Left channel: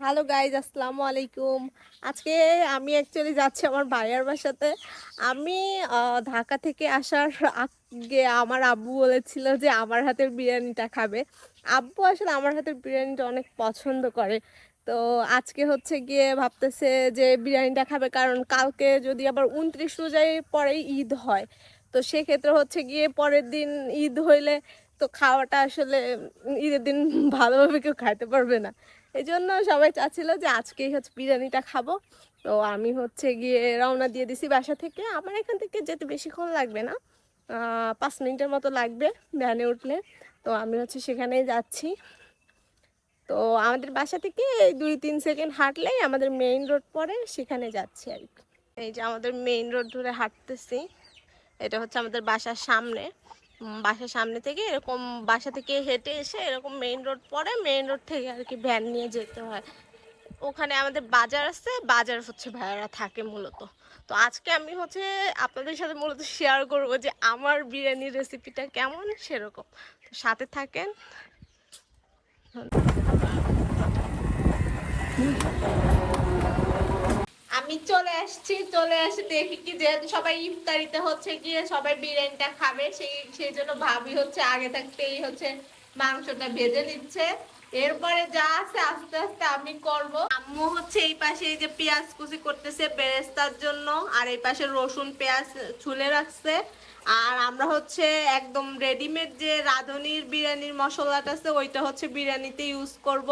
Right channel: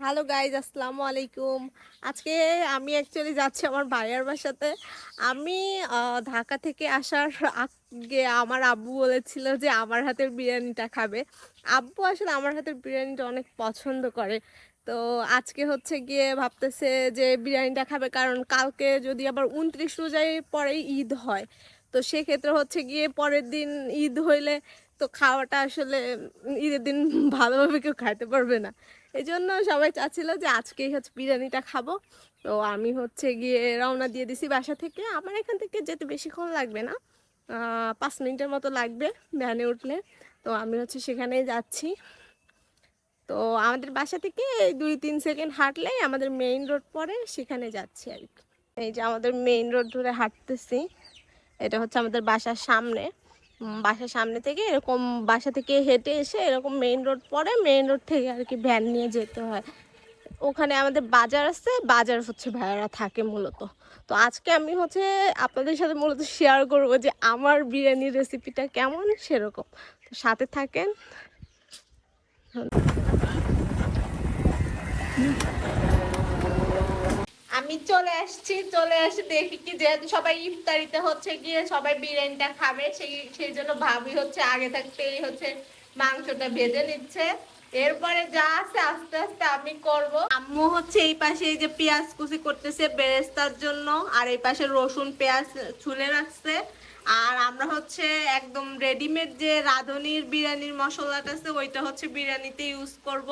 Hello guys, আসসালামু আলাইকুম। আজকে আমি অ্যাকচুয়ালি যাচ্ছি আমার ভাইয়ার বাসাতে। আমি ঢাকা থেকে আসার আগে আমার আব্বু বলেছিল যে আমার হাতের বিরিয়ানিটা খাবে। আব্বু আসলে আমার হাতের বিরিয়ানিটা অনেক পছন্দ করে। তো আজকে হচ্ছে গিয়ে ভাবতেছে যে বিরিয়ানিটা খাবে, কারণ কালকে যদি আবার 29 রোজার পরেই ঈদ হয়, তো সেক্ষেত্রে হচ্ছে গিয়ে পরের দিন ঈদ হইলে তো খাওয়াটা আসলে ঈদের দিন ভালোভাবে কেউ খাইতে পারবে না। এই জন্য সবাই চাচ্ছিল যে আজকেই হচ্ছে বিরিয়ানিটা খাবো। তো আমি হচ্ছে গিয়ে রওনা দিয়ে দিছি বাসা থেকে। আমার এখান থেকে যেতে বেশিক্ষণ লাগবে না, 5 মিনিটের মতো লাগবে ভ্যানে উঠলে। তো আমি হচ্ছে সেখানেই যাচ্ছি। তো আমাদের বাসা থেকে 2-3 সেকেন্ড হাঁটলেই আমাদের মেইন রোড পড়ে, সেখানে যাচ্ছি আর কি। এই যে আমাদের মেইন রোড ধরে হাঁটতেছি, এটা হচ্ছে আমাদের বাসার সামনে। বাসার সামনে থেকে এরকম বাসা থেকে হেঁটে এসে এরকম মেইন রোড পড়ে, মেইন রোড থেকে আর কি ভ্যান নিয়ে যেতে হয়। ওখানে আমাদের বাজার আছে, বাজার হচ্ছে ভাইয়ারা থাকে মূলত। তো আজকে আমি হচ্ছে আপনাদের সাথে মূলত শেয়ার করবো যে আমার বিরিয়ানির রেসিপিটা কেমন, সেরকম। তো সাথে থাকেন। আমি চলে আসছি, চলে এসে দেখি কি যেহেতু সবাই ইফতারিতে হচ্ছে গিয়ে সবাই বিরিয়ানিটা খাবে, সেই জন্য ভাবি হচ্ছে আগে থাকতেই হচ্ছে মাংসটা ভেজে নিচ্ছে। এরপরে যা আছে আস্তে আস্তে আমি করব। আম্মু হচ্ছে এই পাশে এই যে পেঁয়াজ কুচি করতেছে বেরেস্তার জন্য, আর এই পাশে রসুন পেঁয়াজ ছুলে রাখছে। আর আমরা হচ্ছে একদম রেডিমেড যে রাঁধুনির বিরিয়ানির মশলাটা আছে ওইটা হচ্ছে বিরিয়ানিতে ইউজ করব।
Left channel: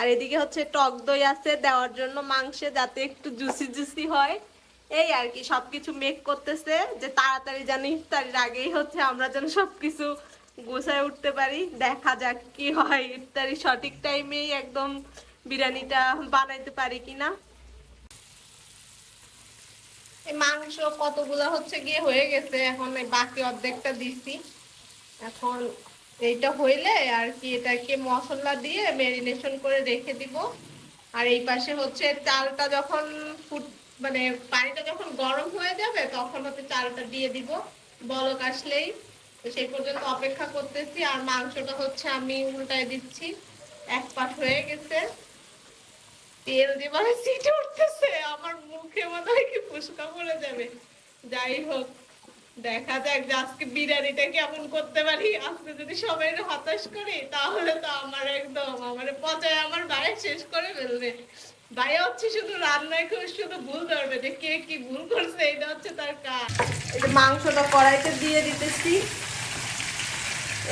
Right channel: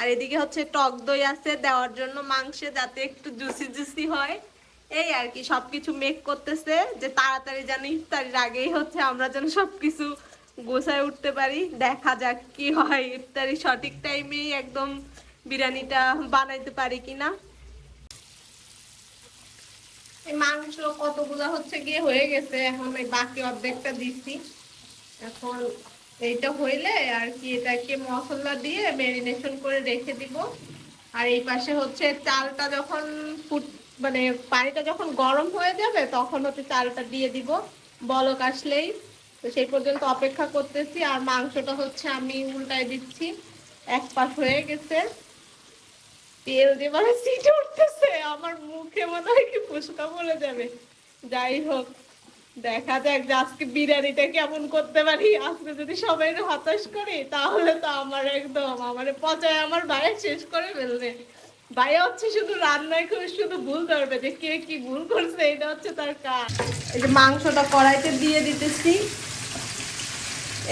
আর এদিকে হচ্ছে টক দই আছে দেওয়ার জন্য মাংসে, যাতে একটু জুসি জুসি হয়। এই আর কি সবকিছু মেক করতেছে যে তাড়াতাড়ি যেন ইফতারির আগেই হচ্ছে আমরা যেন সবকিছু গোছায় উঠতে পারি। দেখা যাক কি হয়, ইফতারি সঠিক টাইমেই একদম বিরিয়ানিটা বানাইতে পারি কিনা। এই মাংস কতগুলা হচ্ছে গিয়ে হয়ে গেছে, এখন এই বাকি অর্ধেকটা দিছি। এখন এইটা হইলে আর কি এটাকে মশলা দিয়ে ম্যারিনেশন করে রেখে দিব। আর এই পাশে হচ্ছে চালটা যখন মানে পানিটা যখন গরম হয়ে যাবে তখন হচ্ছে চালটা দিয়ে দিব বলক আসলেই। তো সেই পর্যন্ত অপেক্ষা করতেছি। আর মাংসটা হচ্ছে আমি উল্টায় দিচ্ছি, এক পাশ হয়ে গেছে। তেল দিয়ে মানে সিটে উঠতেছে, আমার মুখে মনে হয় কি ফুসকা পড়ে যাবে। যাই হোক, দেখা যাক যে আজকে বিরিয়ানিটা কেমন করতে পারি। আজকে যদি সবাই হতাশ করি তাহলে তো আমার একদম আমার পচায় আমার ভাই শেষ করে ফেলবে। ভাইয়া হচ্ছে শুধু রান্নায় করে শুধু ভুল ধরবে যে কে কি ভুল করছে, এটা হচ্ছে তার কাজ। মাংসটা কড়াইতে দিয়ে দিতেছি।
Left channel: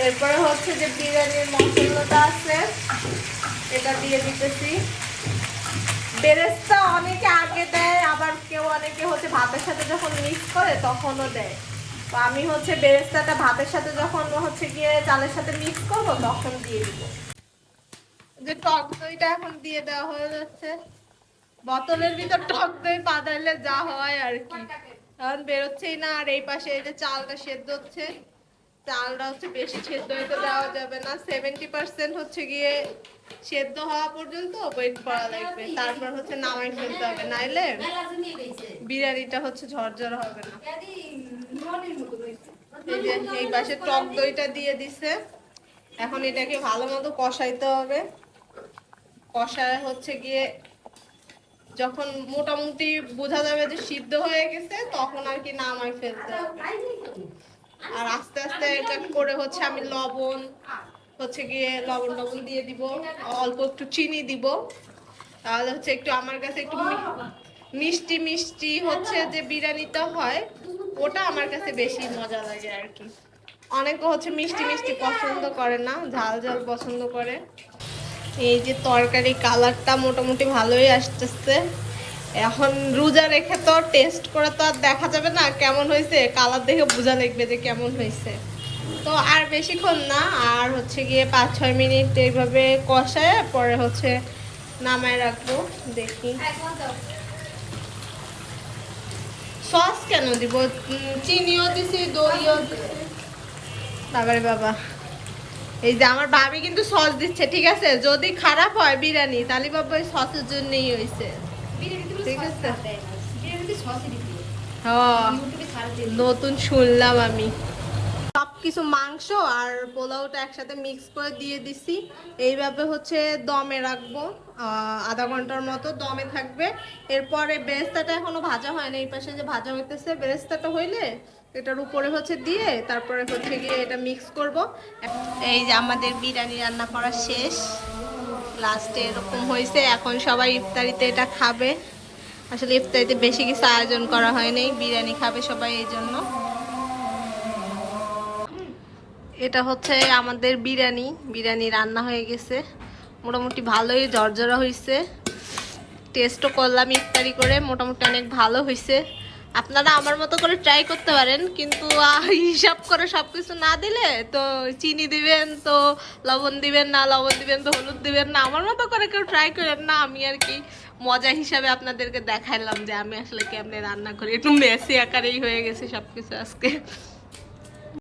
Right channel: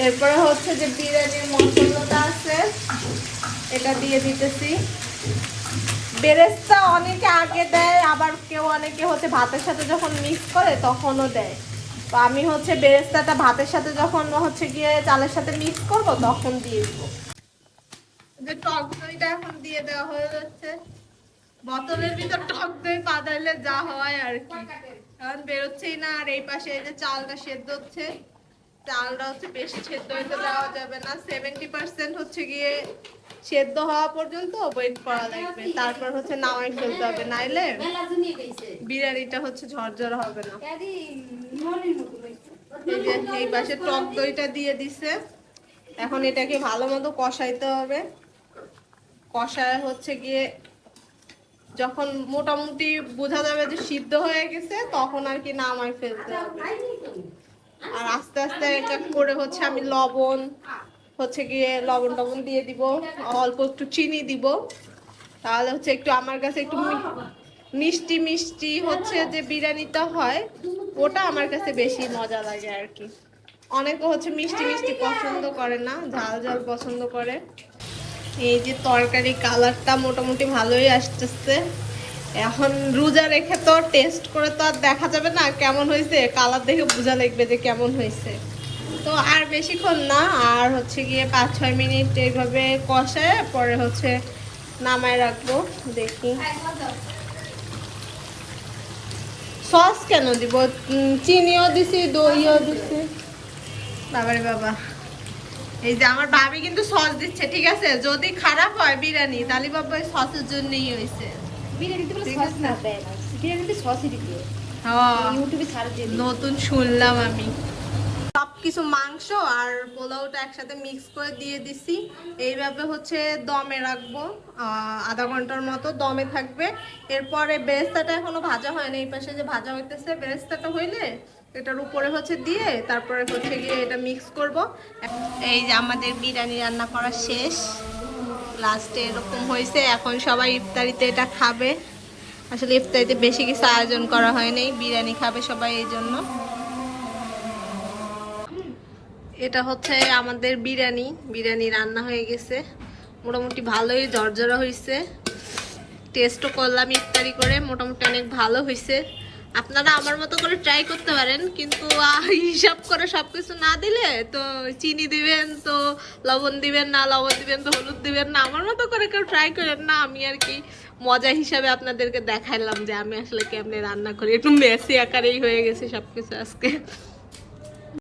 এরপরে হচ্ছে যে বিরিয়ানির মশলাটা আছে এটা দিয়ে দিতেছি। বেরেস্তা অনেকে আগে দেয়, আবার কেউ অনেকে হচ্ছে ভাতের সাথে যখন মিক্স করে তখনও দেয়। তো আমি হচ্ছে বেরেস্তাটা ভাতের সাথে যখন হচ্ছে গিয়ে চালের সাথে মিক্স করবো তখন দিয়ে দেবো। যে টক দইটা এখন দিয়ে দেওয়া হয়ে যাচ্ছে, বোতলের ভিতর টক দই পাদাইলে যা হয় আর কি, এখন বেরোচ্ছেই না। আর এই পাশে এই যে চালটা সেদ্ধ হচ্ছে, চালটা হচ্ছে বেশি সেদ্ধ হইতে দেওয়া যাবে না, 70% হচ্ছে গিয়ে সেদ্ধ হওয়া পর্যন্ত ওয়েট করা লাগবে, তারপর হচ্ছে নামাই ফেলতে হবে, নাইলে বিরিয়ানিটা হচ্ছে ঝরঝর হবে না। এই যে এই পাশে টক দইটা দিয়ে দিছে, এখন এটাকে ভালো মতো কষাইতে হবে। কষায় হচ্ছে গিয়ে যখন মোটামুটি বোঝা যাবে যে সিদ্ধ হয়ে গেছে তখন আর কি নামাই ফেলতে হবে। আর আস্তে আস্তে এক এক করে হচ্ছে আমি লবণ হচ্ছে গিয়ে লবণ দিয়ে দিব, অল্প একটু চিনি দিব, তাহলে হচ্ছে একটু আমার কাছে একটু মিষ্টি মিষ্টি হচ্ছে যে বিরিয়ানিটা হয় ওটা আমার কাছে বেশি মজা লাগে আর কি। অনেকে হচ্ছে মিষ্টি মিষ্টি পছন্দ করে না, ঝাল ঝাল পছন্দ করে। এই যে তরকারি কালারটা মোটামুটি ভালোই আসতেছে। এখন রোজা রেখে তো টেস্ট করে তো আর দেখা যাবে না কেমন হয়েছে, কালার দেখে বোঝা লাগবে যে কেমন হয়েছে। তো আর বেশিক্ষণ না, আর হচ্ছে গিয়ে 5-6 মিনিট এইভাবে কষায় পরে হচ্ছে নামায় রাখবো। দেখি সস কেন দিব, চিনিও দিছি দইও দিছি। বাবারে বাবা, এই যে আমার ভাবি কিন্তু সস দিচ্ছে, ঠিক আছে? যদি খারাপ হয় বিরিয়ানি তাহলে বাবা ওই সসের জন্যই হয়েছে, ঠিক আছে? নতুন শুনলাম আমি। সব কিছু মাংস আর পোলাওটা একসাথে মিক্স করে দিয়ে দিছি। এইভাবে হচ্ছে দমে রাখবো, আধা ঘন্টার মতো দমে থাকবে। এরপরে বেরেস্তাটা এখনো ভাজা হয়নি, এই পাশে যে ভাজা হইতেছে, বেরেস্তাটা হইলে এটার উপরে হচ্ছে দিয়ে তারপরে হচ্ছে গিয়ে এটা মিক্স করব। এই যে আমাদের বিরিয়ানি রান্না করা শেষ, লাস্টে এরকম হয়েছে। এখন সবাই ইফতারিতে এটা খাবে। আসলে ইফতারিতে বেশি কিছু আয়োজন করা হয়নি, বিরিয়ানি খাবে সবাই, এই জন্য। এটা হচ্ছে আমাদের বিরিয়ানি রান্না হয়ে গেছে, মোটামুটি ভালোই ঝরঝরা হয়েছে। টেস্টও করলাম ইফতারি করে, মোটামুটি অনেক ভালো হয়েছে। আপনারা আমার মতো করে ট্রাই করতে পারেন, কিন্তু হিসাব করে সবকিছু না দিলে তো চিনি দিবেন, তো লবণ দিবেন না, লবণ দিবেন তো হলুদ দিবেন না। আমার মতো করে কেউ ট্রাই করেন না। আমি আর কি মজা হিসাবে আপনাদেরকে দেখাইলাম যে আমি আসলে কেমনে রান্না করি। একটু মেসি আকারেই হয়ে গেছে সবকিছু আজকে।